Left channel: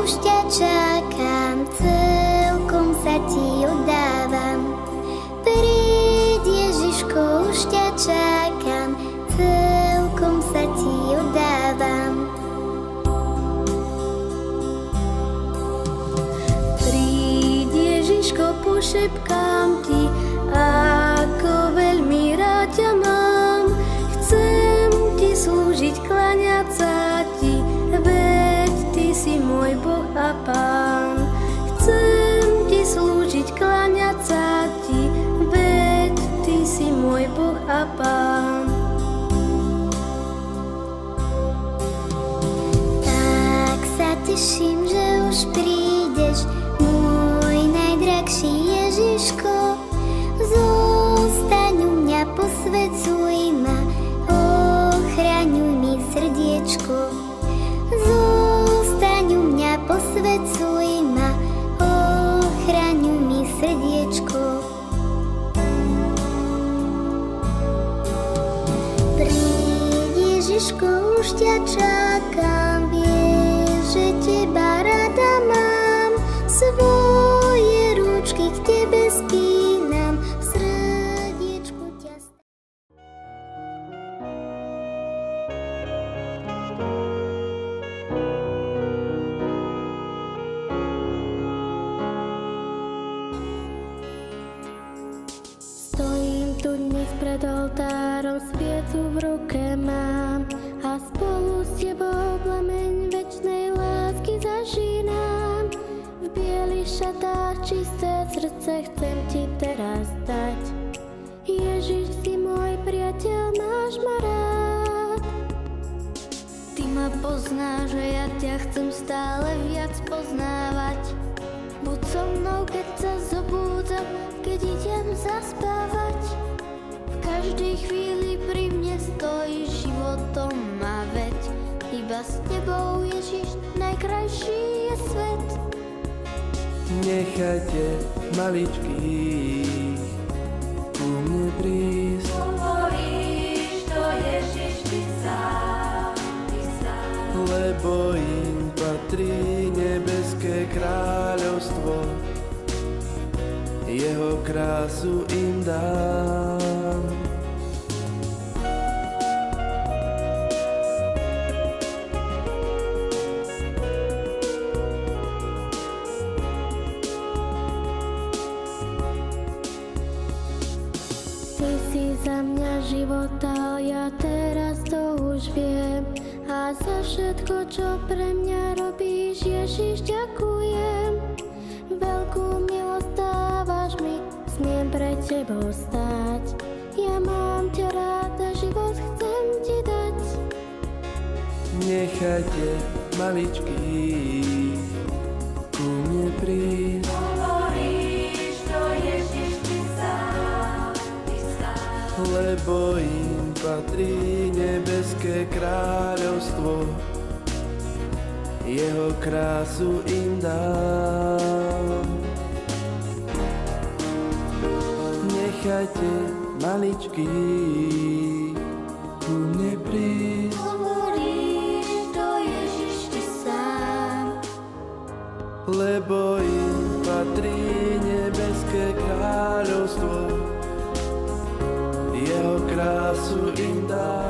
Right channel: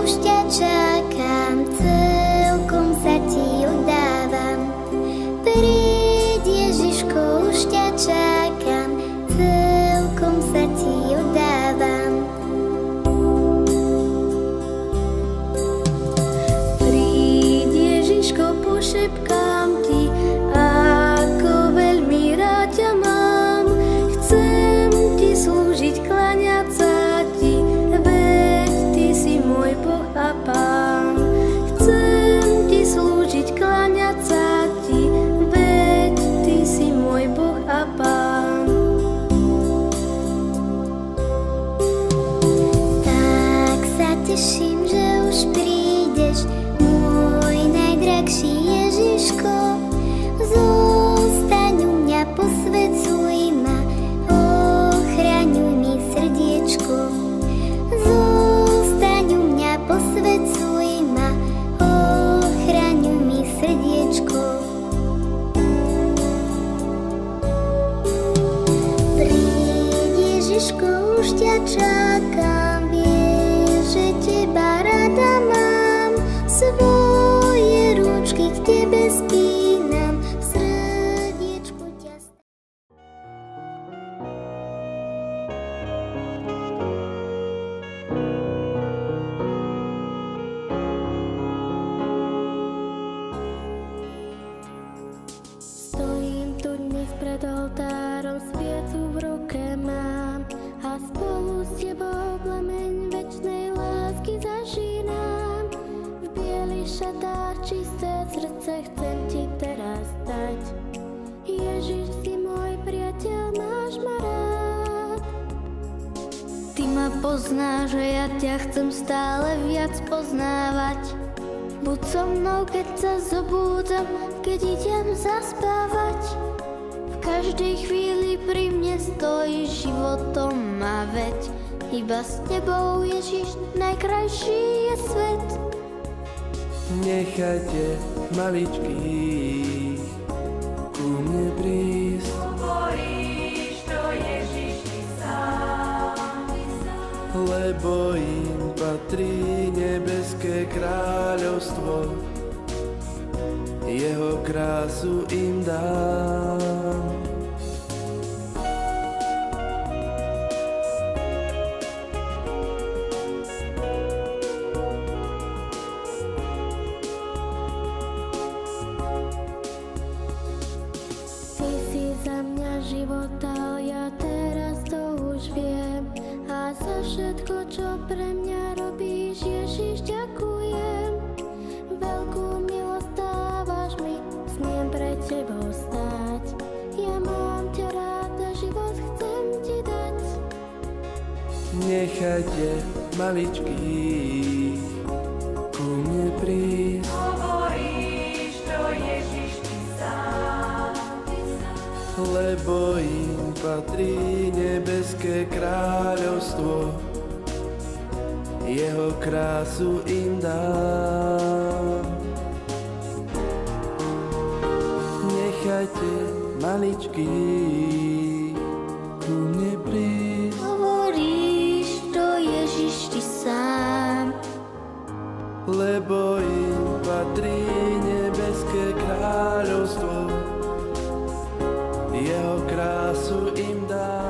Už ťa čakám, celkom sa ti oddávam. Príď Ježiško, už ťa čakám, celkom sa ti oddávam. Príď Ježiško, pošepkám ti, ako veľmi rád ťa mám. Chcem ti slúžiť, kláňať sa ti, môj Boh a Pán. Chcem ti slúžiť, kláňať sa ti, veď ty si môj Boh a Pán. Tak sa teším, že už prídeš, môj najdrahší Ježiško. Zostaň u mňa, posvedzuj ma, ochraňuj mi srdiečko. Posvedcuj ma, ochraňuj mi srdiečko. Príď Ježiško, už ťa čakám, vieš, že teba rada mám. Svoje ručky k tebe spínam, v srdiečku ťa pred oltárom, sviecu v ruke mám a spolu s tebou plameň večnej lásky zažínam. V bielých šatách čisté srdce chcem ti teraz dať. Ježiš, si môj priateľ, máš ma rád. Ty ma poznáš, že ja ťa chcem stále viac poznávať. Buď so mnou, keď sa zobúdzam, keď idem zaspávať. V každej chvíli pri mne stojíš, životom ma veď. Iba s tebou, Ježiš, najkrajší je svet. Nechajte maličký ku mne prísť. Hovoríš to, Ježiš, ty sám. Lebo im patrí nebeské kráľovstvo, jeho krásu im dám. Ty si za mňa život dal, ja teraz to už viem. A za všetko, čo pre mňa robíš, Ježiš, ďakujem. Veľkú milosť dávaš mi, smiem pre tebou stáť. Ja mám ťa rád a život chcem ti dať. Nechajte maličký ku mne prísť. Hovoríš to, Ježiš, ty sám. Lebo im patrí nebeské kráľovstvo, jeho krásu im dám. Nechajte maličký ku mne prísť. Hovoríš to, Ježiš, ty sám. Lebo im patrí nebeské kráľovstvo, jeho krásu im dám.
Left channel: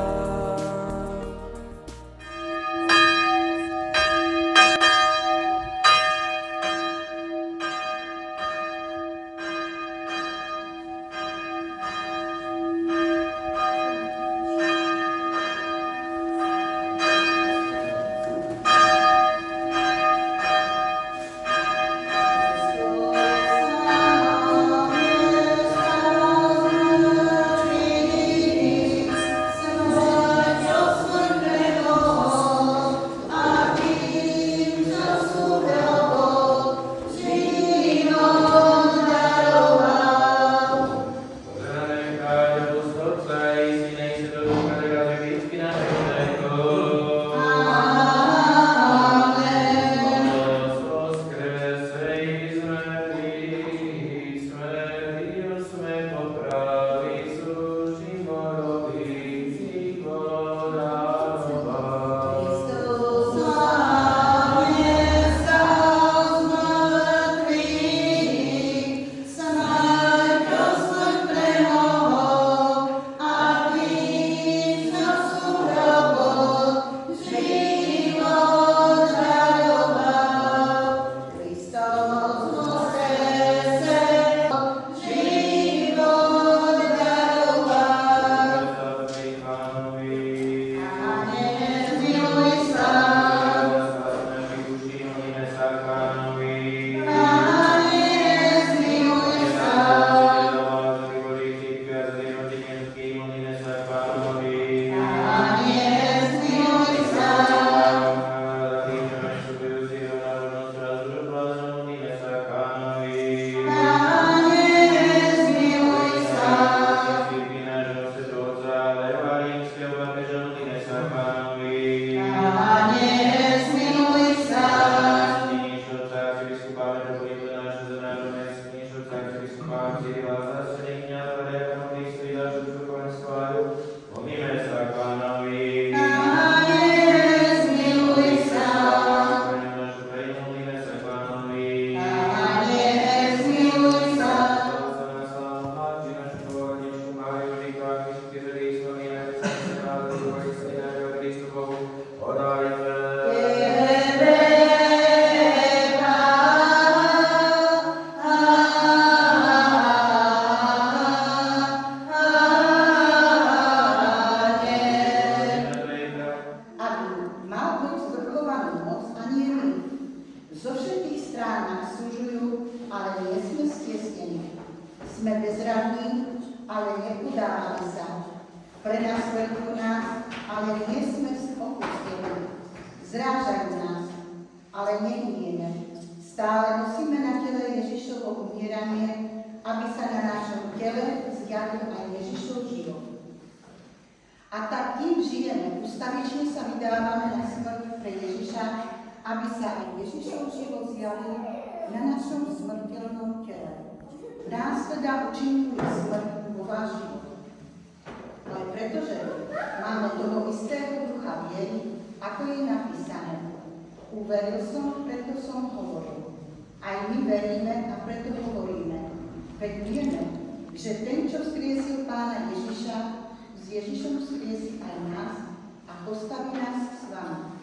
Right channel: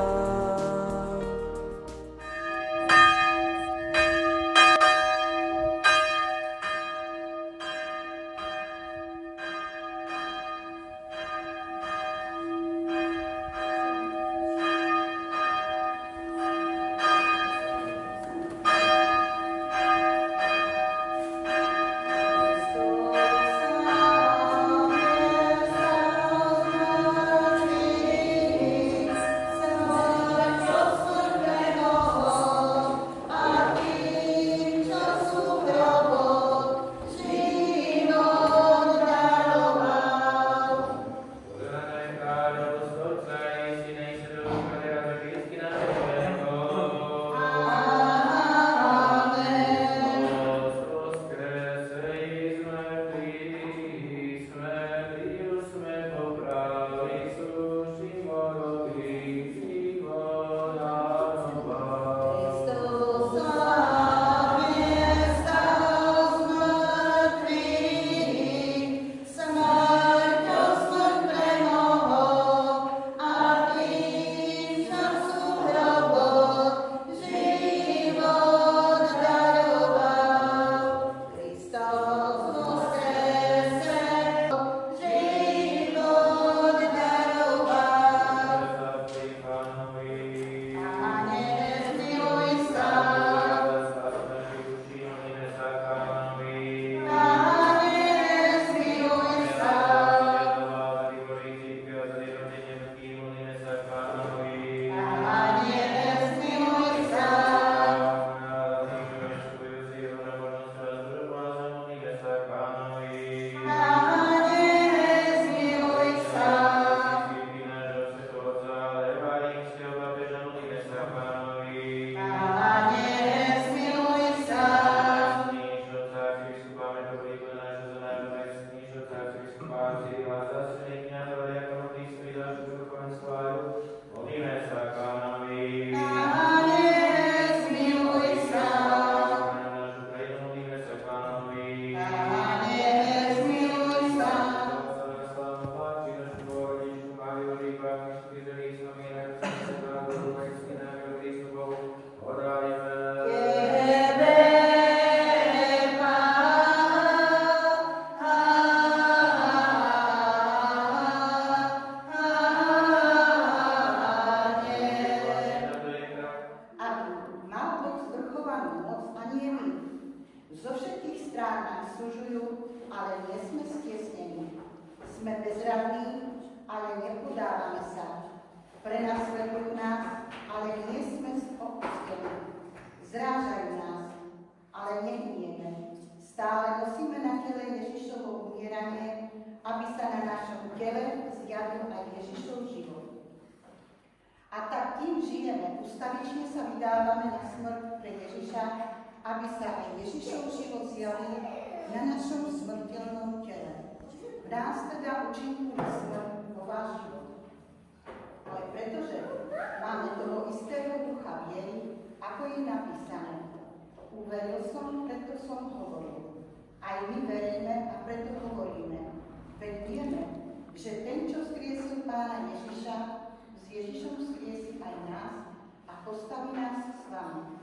Uveril som, preto som hovoril. Aj my veríme a preto hovoríme. Veď vieme, že ten, čo vzkriesil Pána Ježiša, s Ježišom vzkriesi aj nás a postaví nás s vami.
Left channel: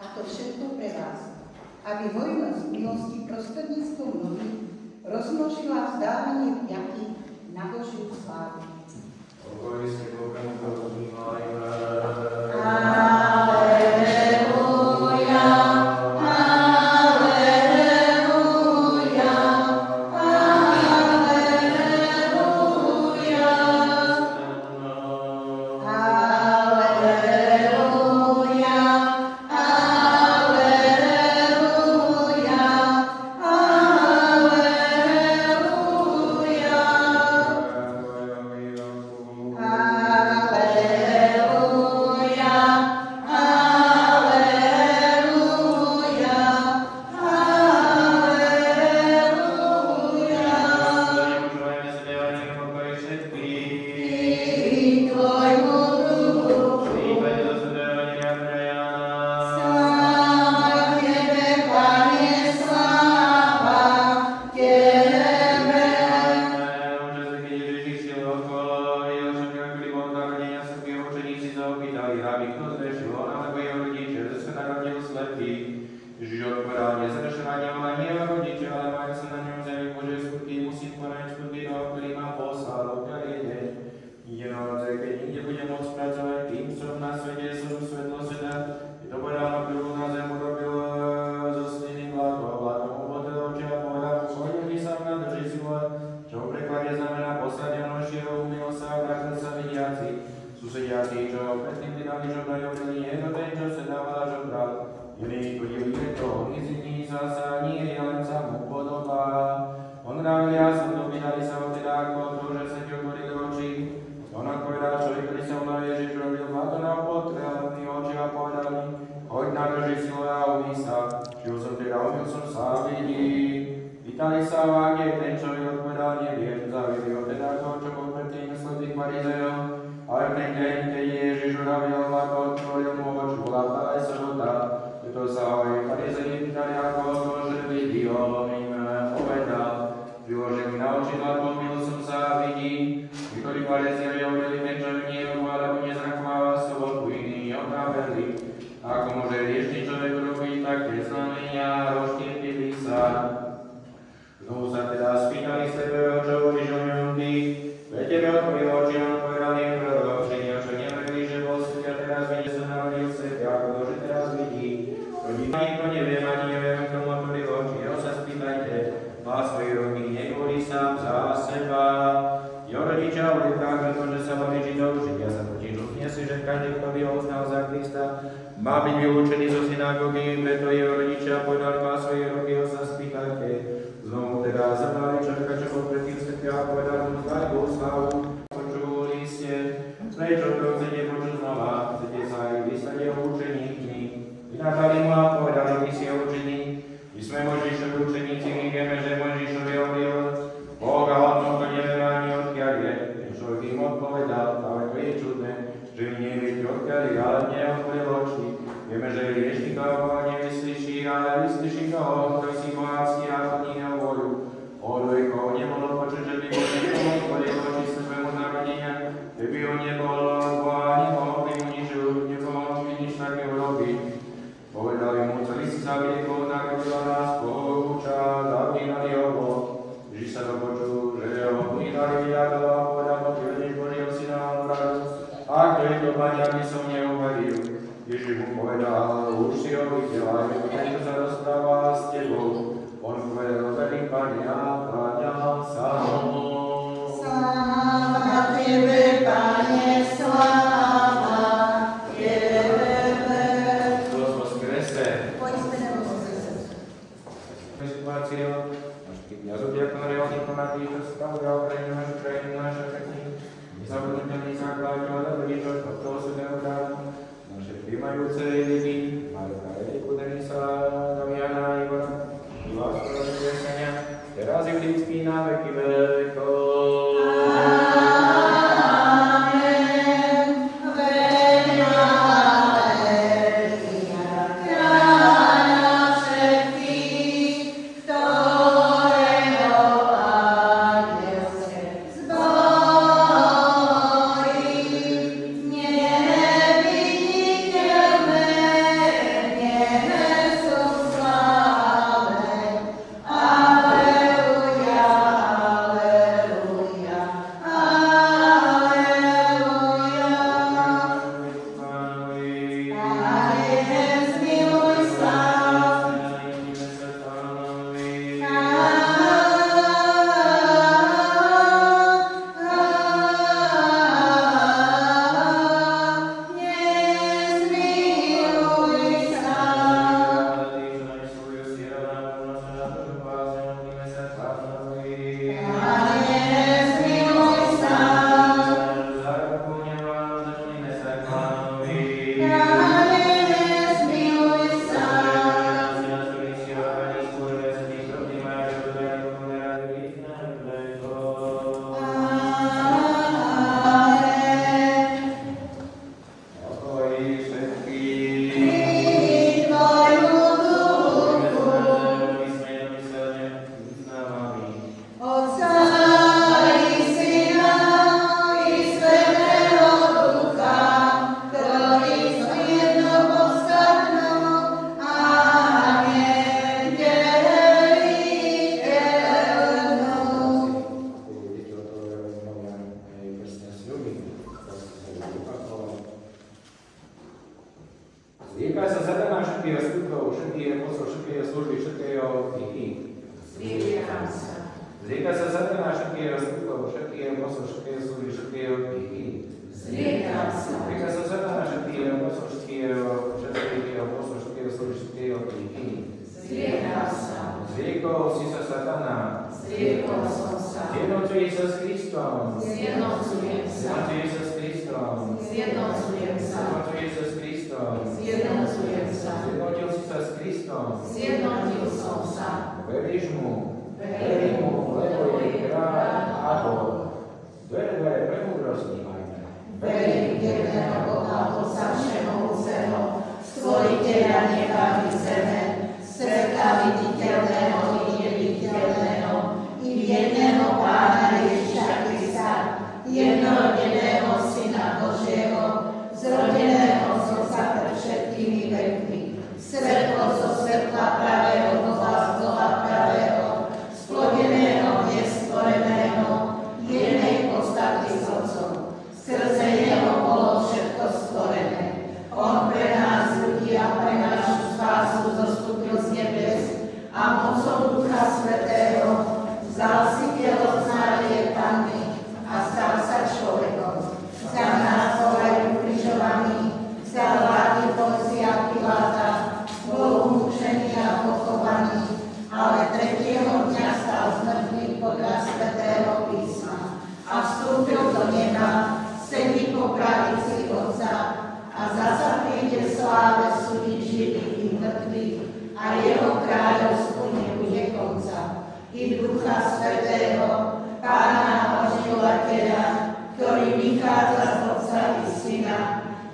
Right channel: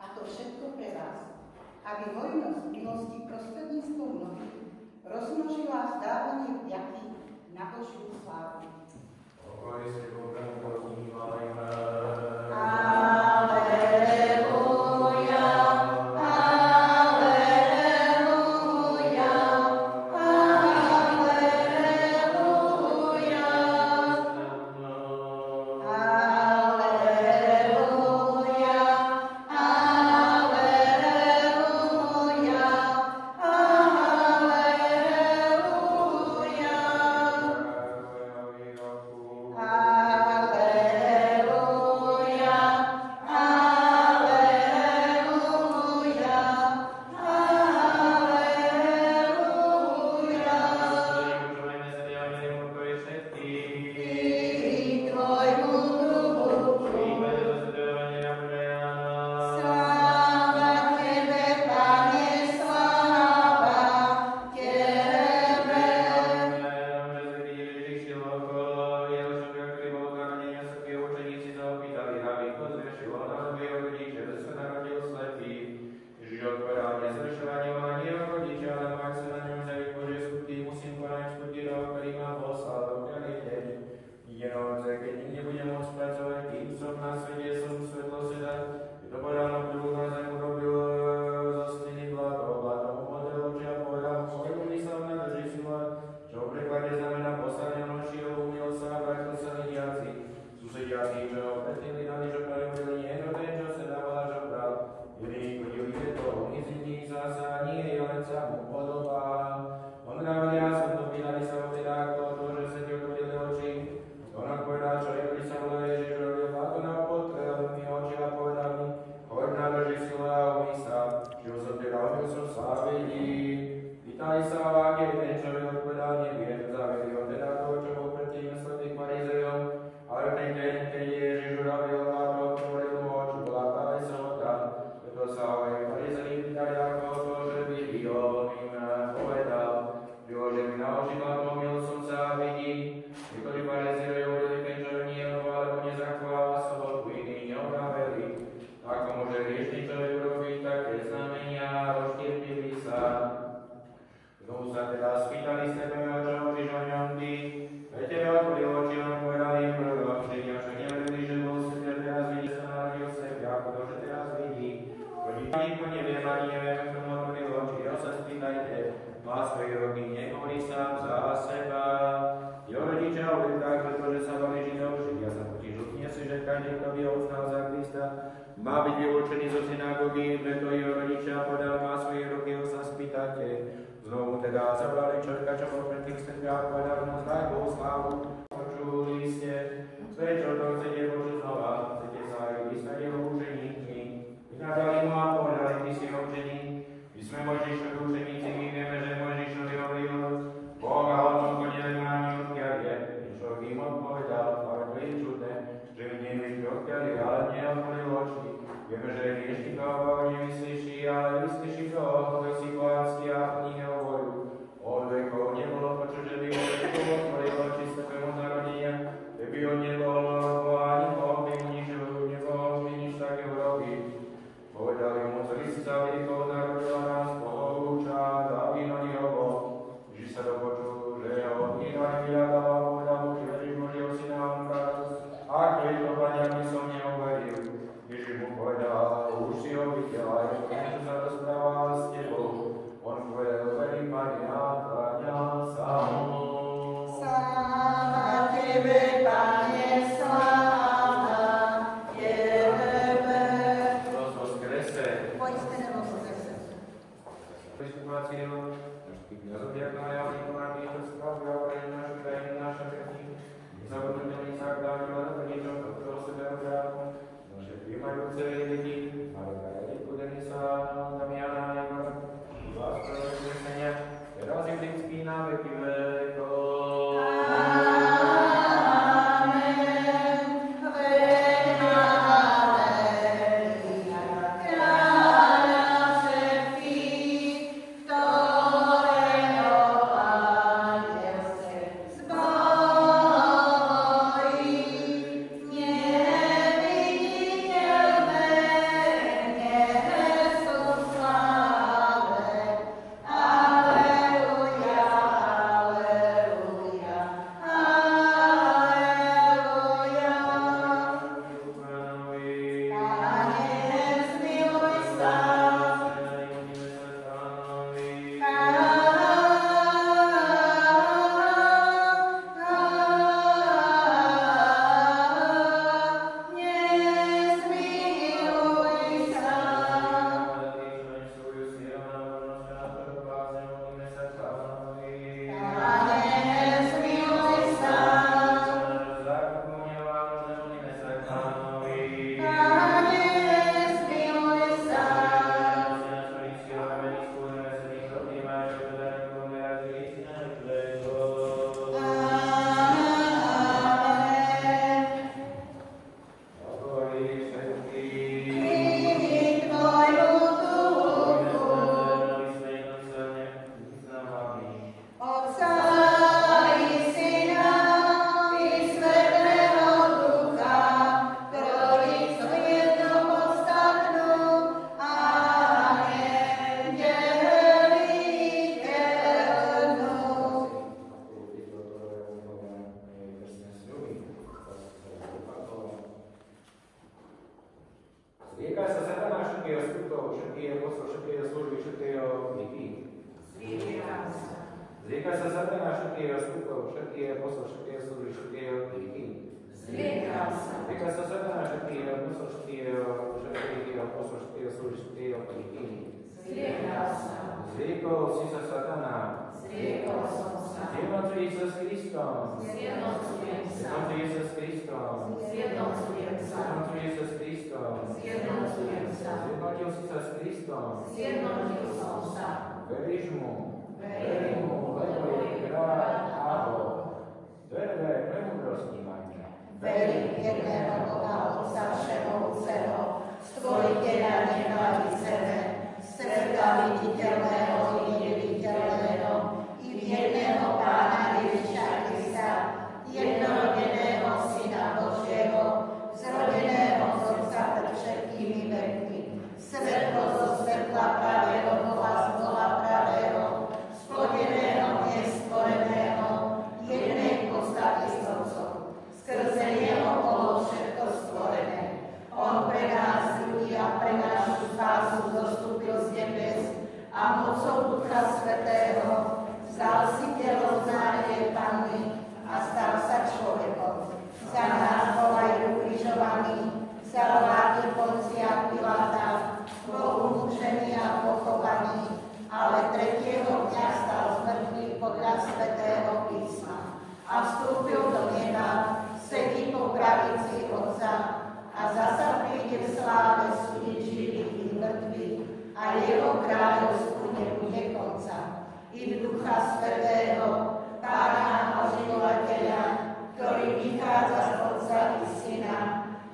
A to všetko pre vás, aby hojnosť milosti prostredníctvom nohy rozmnožila vzdávanie vďaky na Božiu slávu. Pokoj si Boha používajme. Má byť vylúčený zo synagógy, preto jeho rodičia podali má svoje roky, ho sa spýtajte. Znovu teda zabrali človeka, čo bol predtým svetľa a povedali mu chváľ Bohu slávu. Počuli ste, prečo to chcete počuť znova? Chcete neotvoril oči. Vieme, že je hriešný toho, koho nevyslyší, ale vyslyší toho, kto si bohatský a plní jeho voľu. Hoduje, koho nebolo počuť, že by bol niekomu otvoril oči svému narodenia, že by ho nebolo od Boha, ani mohol by mu nič také urobiť. Povedali mu, celý si zabili, koho narodila nás, koho uča, zavínali ho. Ježiš sa dopočul, že ho vydali vyjadal a povedal mu, ty vedeš Božieho syna a mu radosť. A kto je to baťa, by som neuveril. Ježiš mu povedal, už si ho videl, aj ten, čo sa rozpráva s tebou. On povedal, verím, Pane, a kláňal sa mu. Sláva Tebe, Pane, sláva Tebe. Prosím vás, krese. Poďte nebo zo srdca. Situáciu, našich kniazov, diakonov, diplomatí, čo spravujú Ukrajinu, našu krajinu, naša krajina, nezabudnutelný základ, a dobrý to, toho svetého dámu, naše príjmajúce lidi, Marka Rediku, Denisa, Damiana, Ivana, vás prosím kresenia, teraz je vždycky na veky vekov.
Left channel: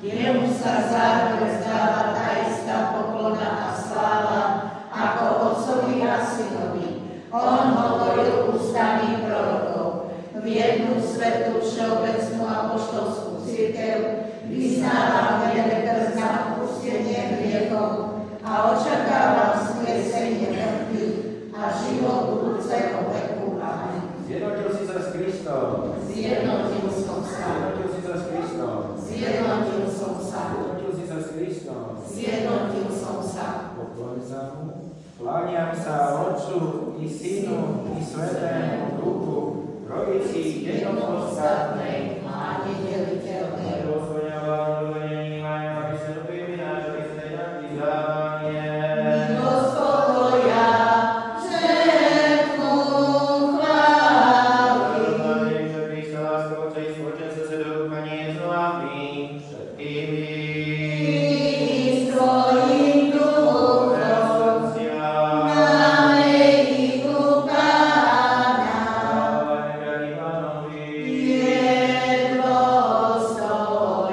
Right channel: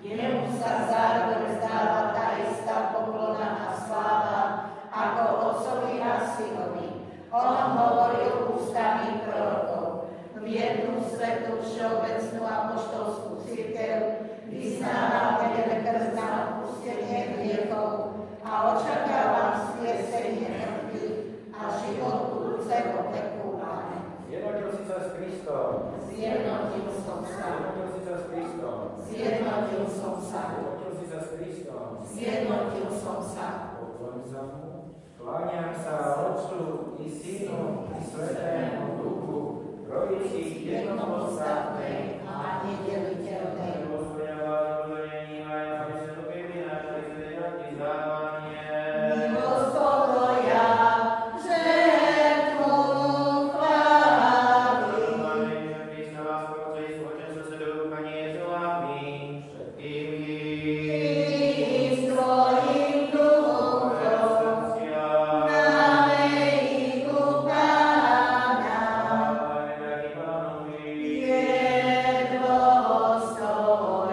Jemu sa zároveň Kláňam sa Otcu i Synu i Svätému Duchu, Trojici jednopodstatnej a nedeliteľnej. Jedno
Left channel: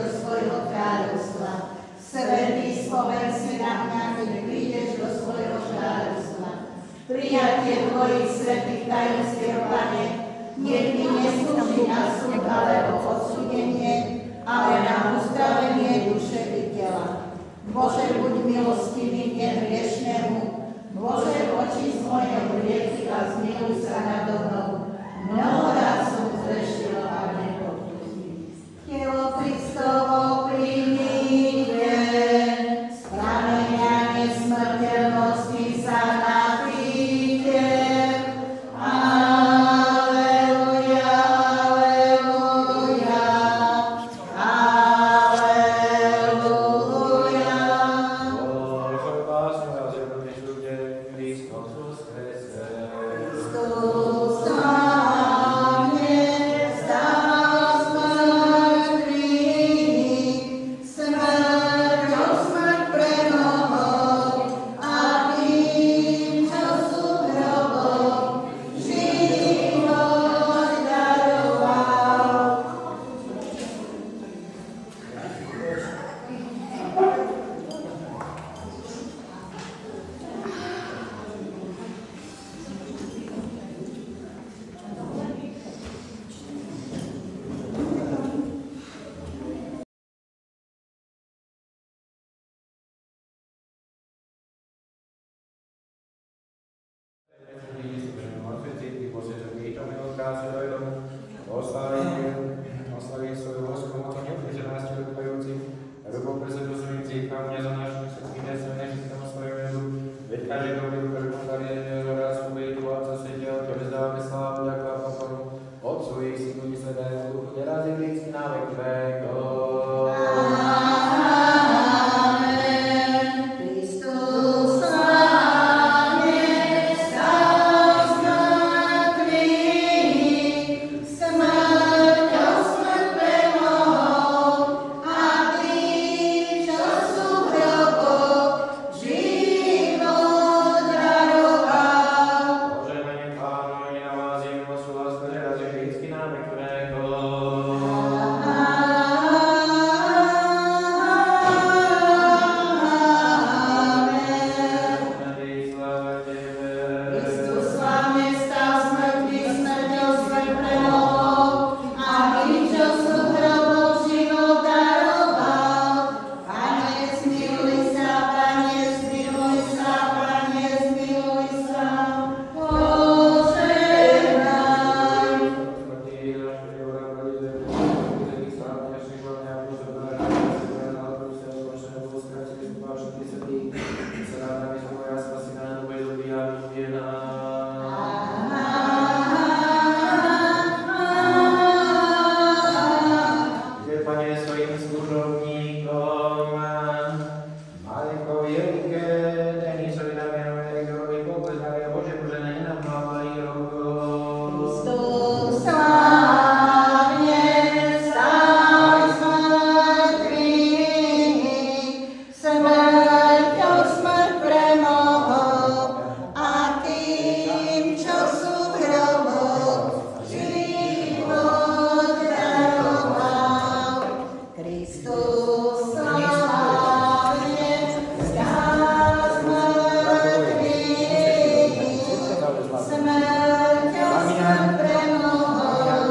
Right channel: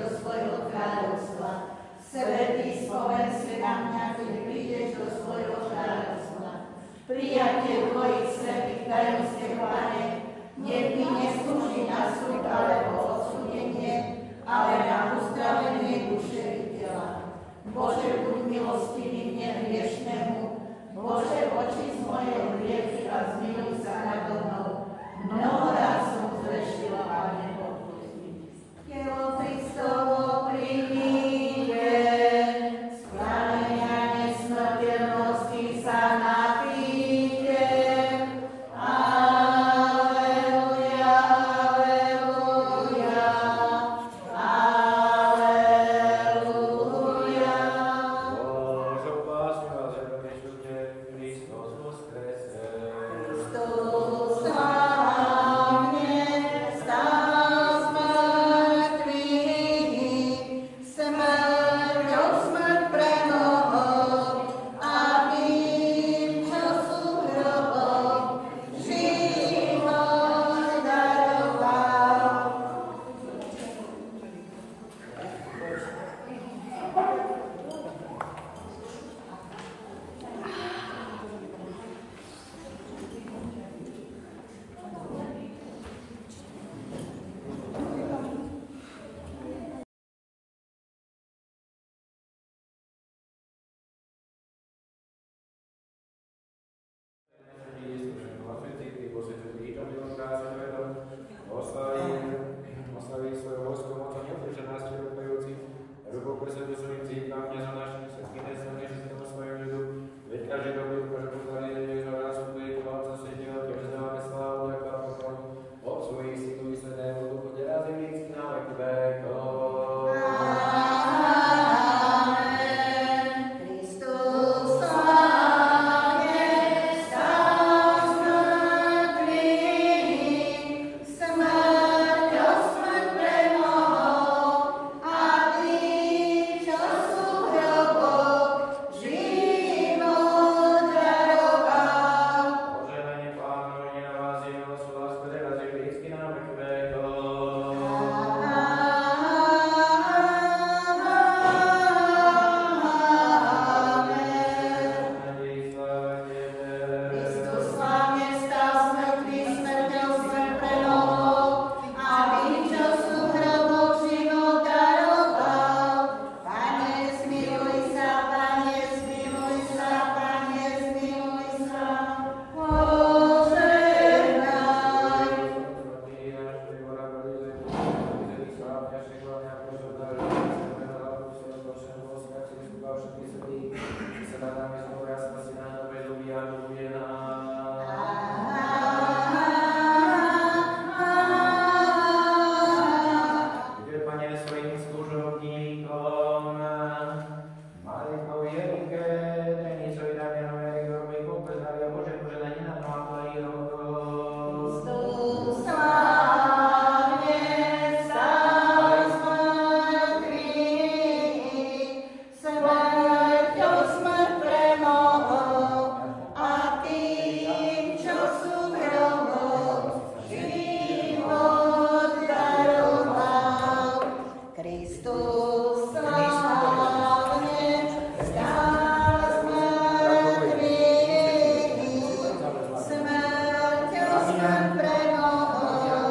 do svojho kráľovstva. Svätý, spomen si na mňa, keď prídeš do svojho kráľovstva. Prijatie tvojich svätých tajomstiev, Pane, nech mi neslúži na súd alebo odsúdenie, ale na uzdravenie duše i tela. Bože, buď milostivý mne hriešnemu, Bože, očist moje hriechy a zmiluj sa nado mnou. Mnohokrát som zrešila a nepodpustí. Telo Kristovo príjmite, z pramenia nesmrteľnosti sa napíte. Aleluja, aleluja, aleluja. Bože, básňu a zjednoteš ľudia, Kristus voskresel. Kristus slávne vstal z mŕtvych, smrťou smrť premohol a tým, čo sú v hroboch, život daroval. Oslaví svoju vojsku mocou neupriženásti odpajúcich, rubou presedu svojim církvam, nezonášených všetkým nesmene všetkému svojim ľudu, veď každý dobrý ukáže postavie, že raz bude tu Otca Svetého, tebe zdávame slávu, ako a pokoru, Otcu i Synu i Svätému Duchu, teraz i vždycky na vek vekov. Kristus slávne vstal z mŕtvych, smrťou smrť premohol a tým, čo sú v hroboch, život daroval. Požehnanie Pánovi na vás je milosť, láska, teraz i vždycky na vek vekov. Nádej, sláva Tebe. Kristus slávne vstal z mŕtvych, smrťou smrť premohol a tým, čo sú v hroboch, život daroval. Pane, zmiluj sa, Pane, zmiluj sa, Pane, zmiluj sa. Požehnaj. Pane, svojim služovníkom, Malinkovi Jelike, Denisovi, Damianovi, Erikovi, Poklesnávi a Bože požehnanie na Pavla i Roku. Kristus slávne vstal z mŕtvych, smrťou smrť premohol a tým, čo sú v hroboch, život daroval. Kristus slávne vstal z mŕtvych, smrťou smrť premohol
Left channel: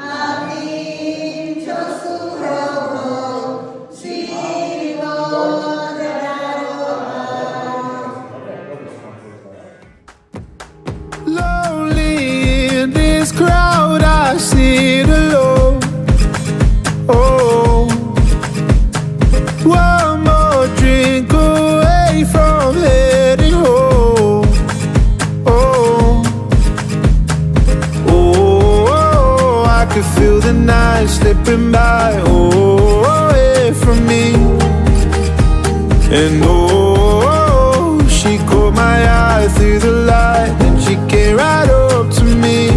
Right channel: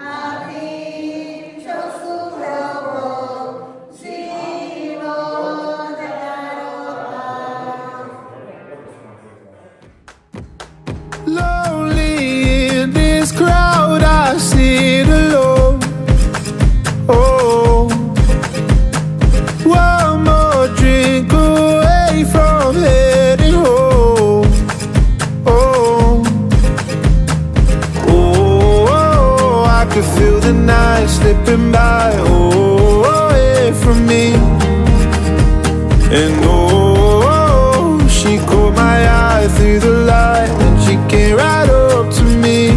a tým, čo sú v hroboch, život daroval. Lonely in this crowd, I sit alone. Oh, one more drink away from heading home. Oh, oh, I could feel the night slipping by. Oh, away from me. And oh, she caught my eye through the light, and she came right up to me.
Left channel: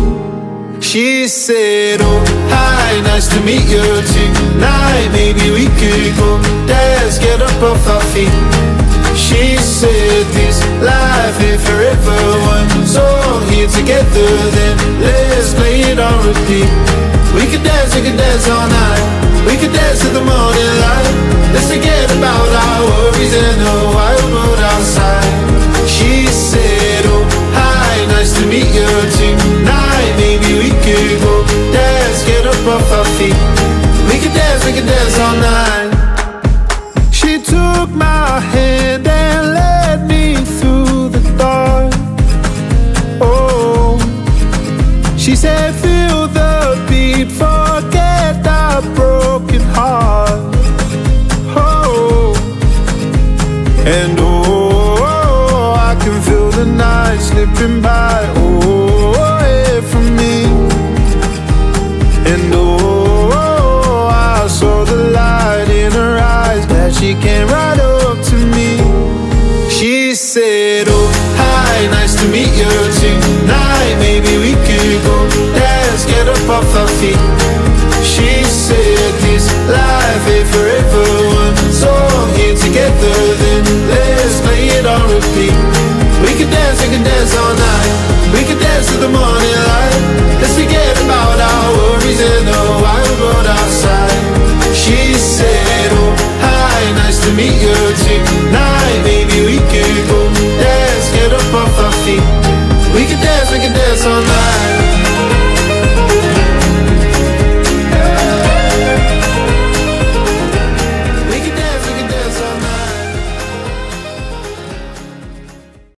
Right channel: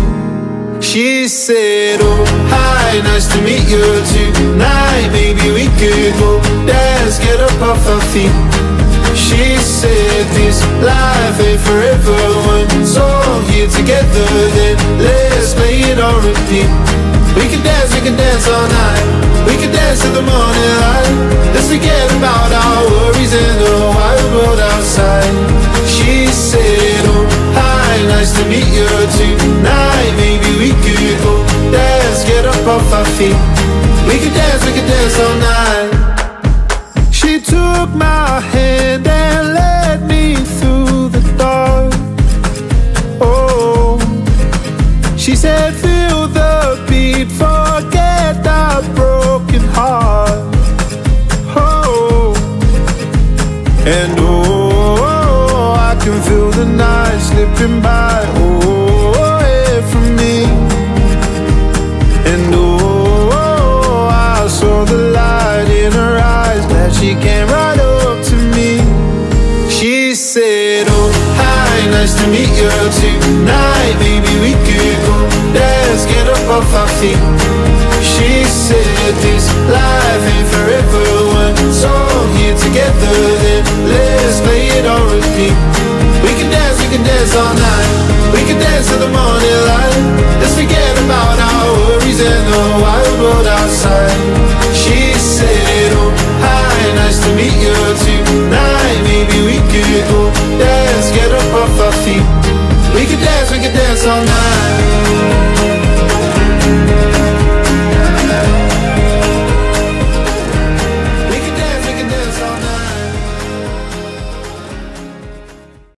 She said, oh, hi, nice to meet you tonight. Maybe we could go dance, get up off our feet. She said, this life ain't forever. One song here together, then let's play it on repeat. We can dance all night. We We could dance to the morning light. Let's forget about our worries and the wild world outside. She said, oh, hi, nice to meet you tonight. Maybe we could go dance, get up off our feet. We could dance all night. She took my hand and led me through the dark. Oh, she said, feel the beat, forget that broken heart. Oh, and oh, I can feel the night slipping by, oh, away from me. And oh, I saw the light in her eyes, glad she came right up to me. She said, oh, hi, nice to meet you tonight. Maybe we could go dance, get up off our feet. She said, this life ain't forever. One song here together, then let's play it on repeat. We can dance all night. We can dance to the morning light. Let's forget about our worries and the wild world outside. She said, oh, hi, nice to meet you tonight. Maybe we could go dance, get up off our feet. We could dance all night.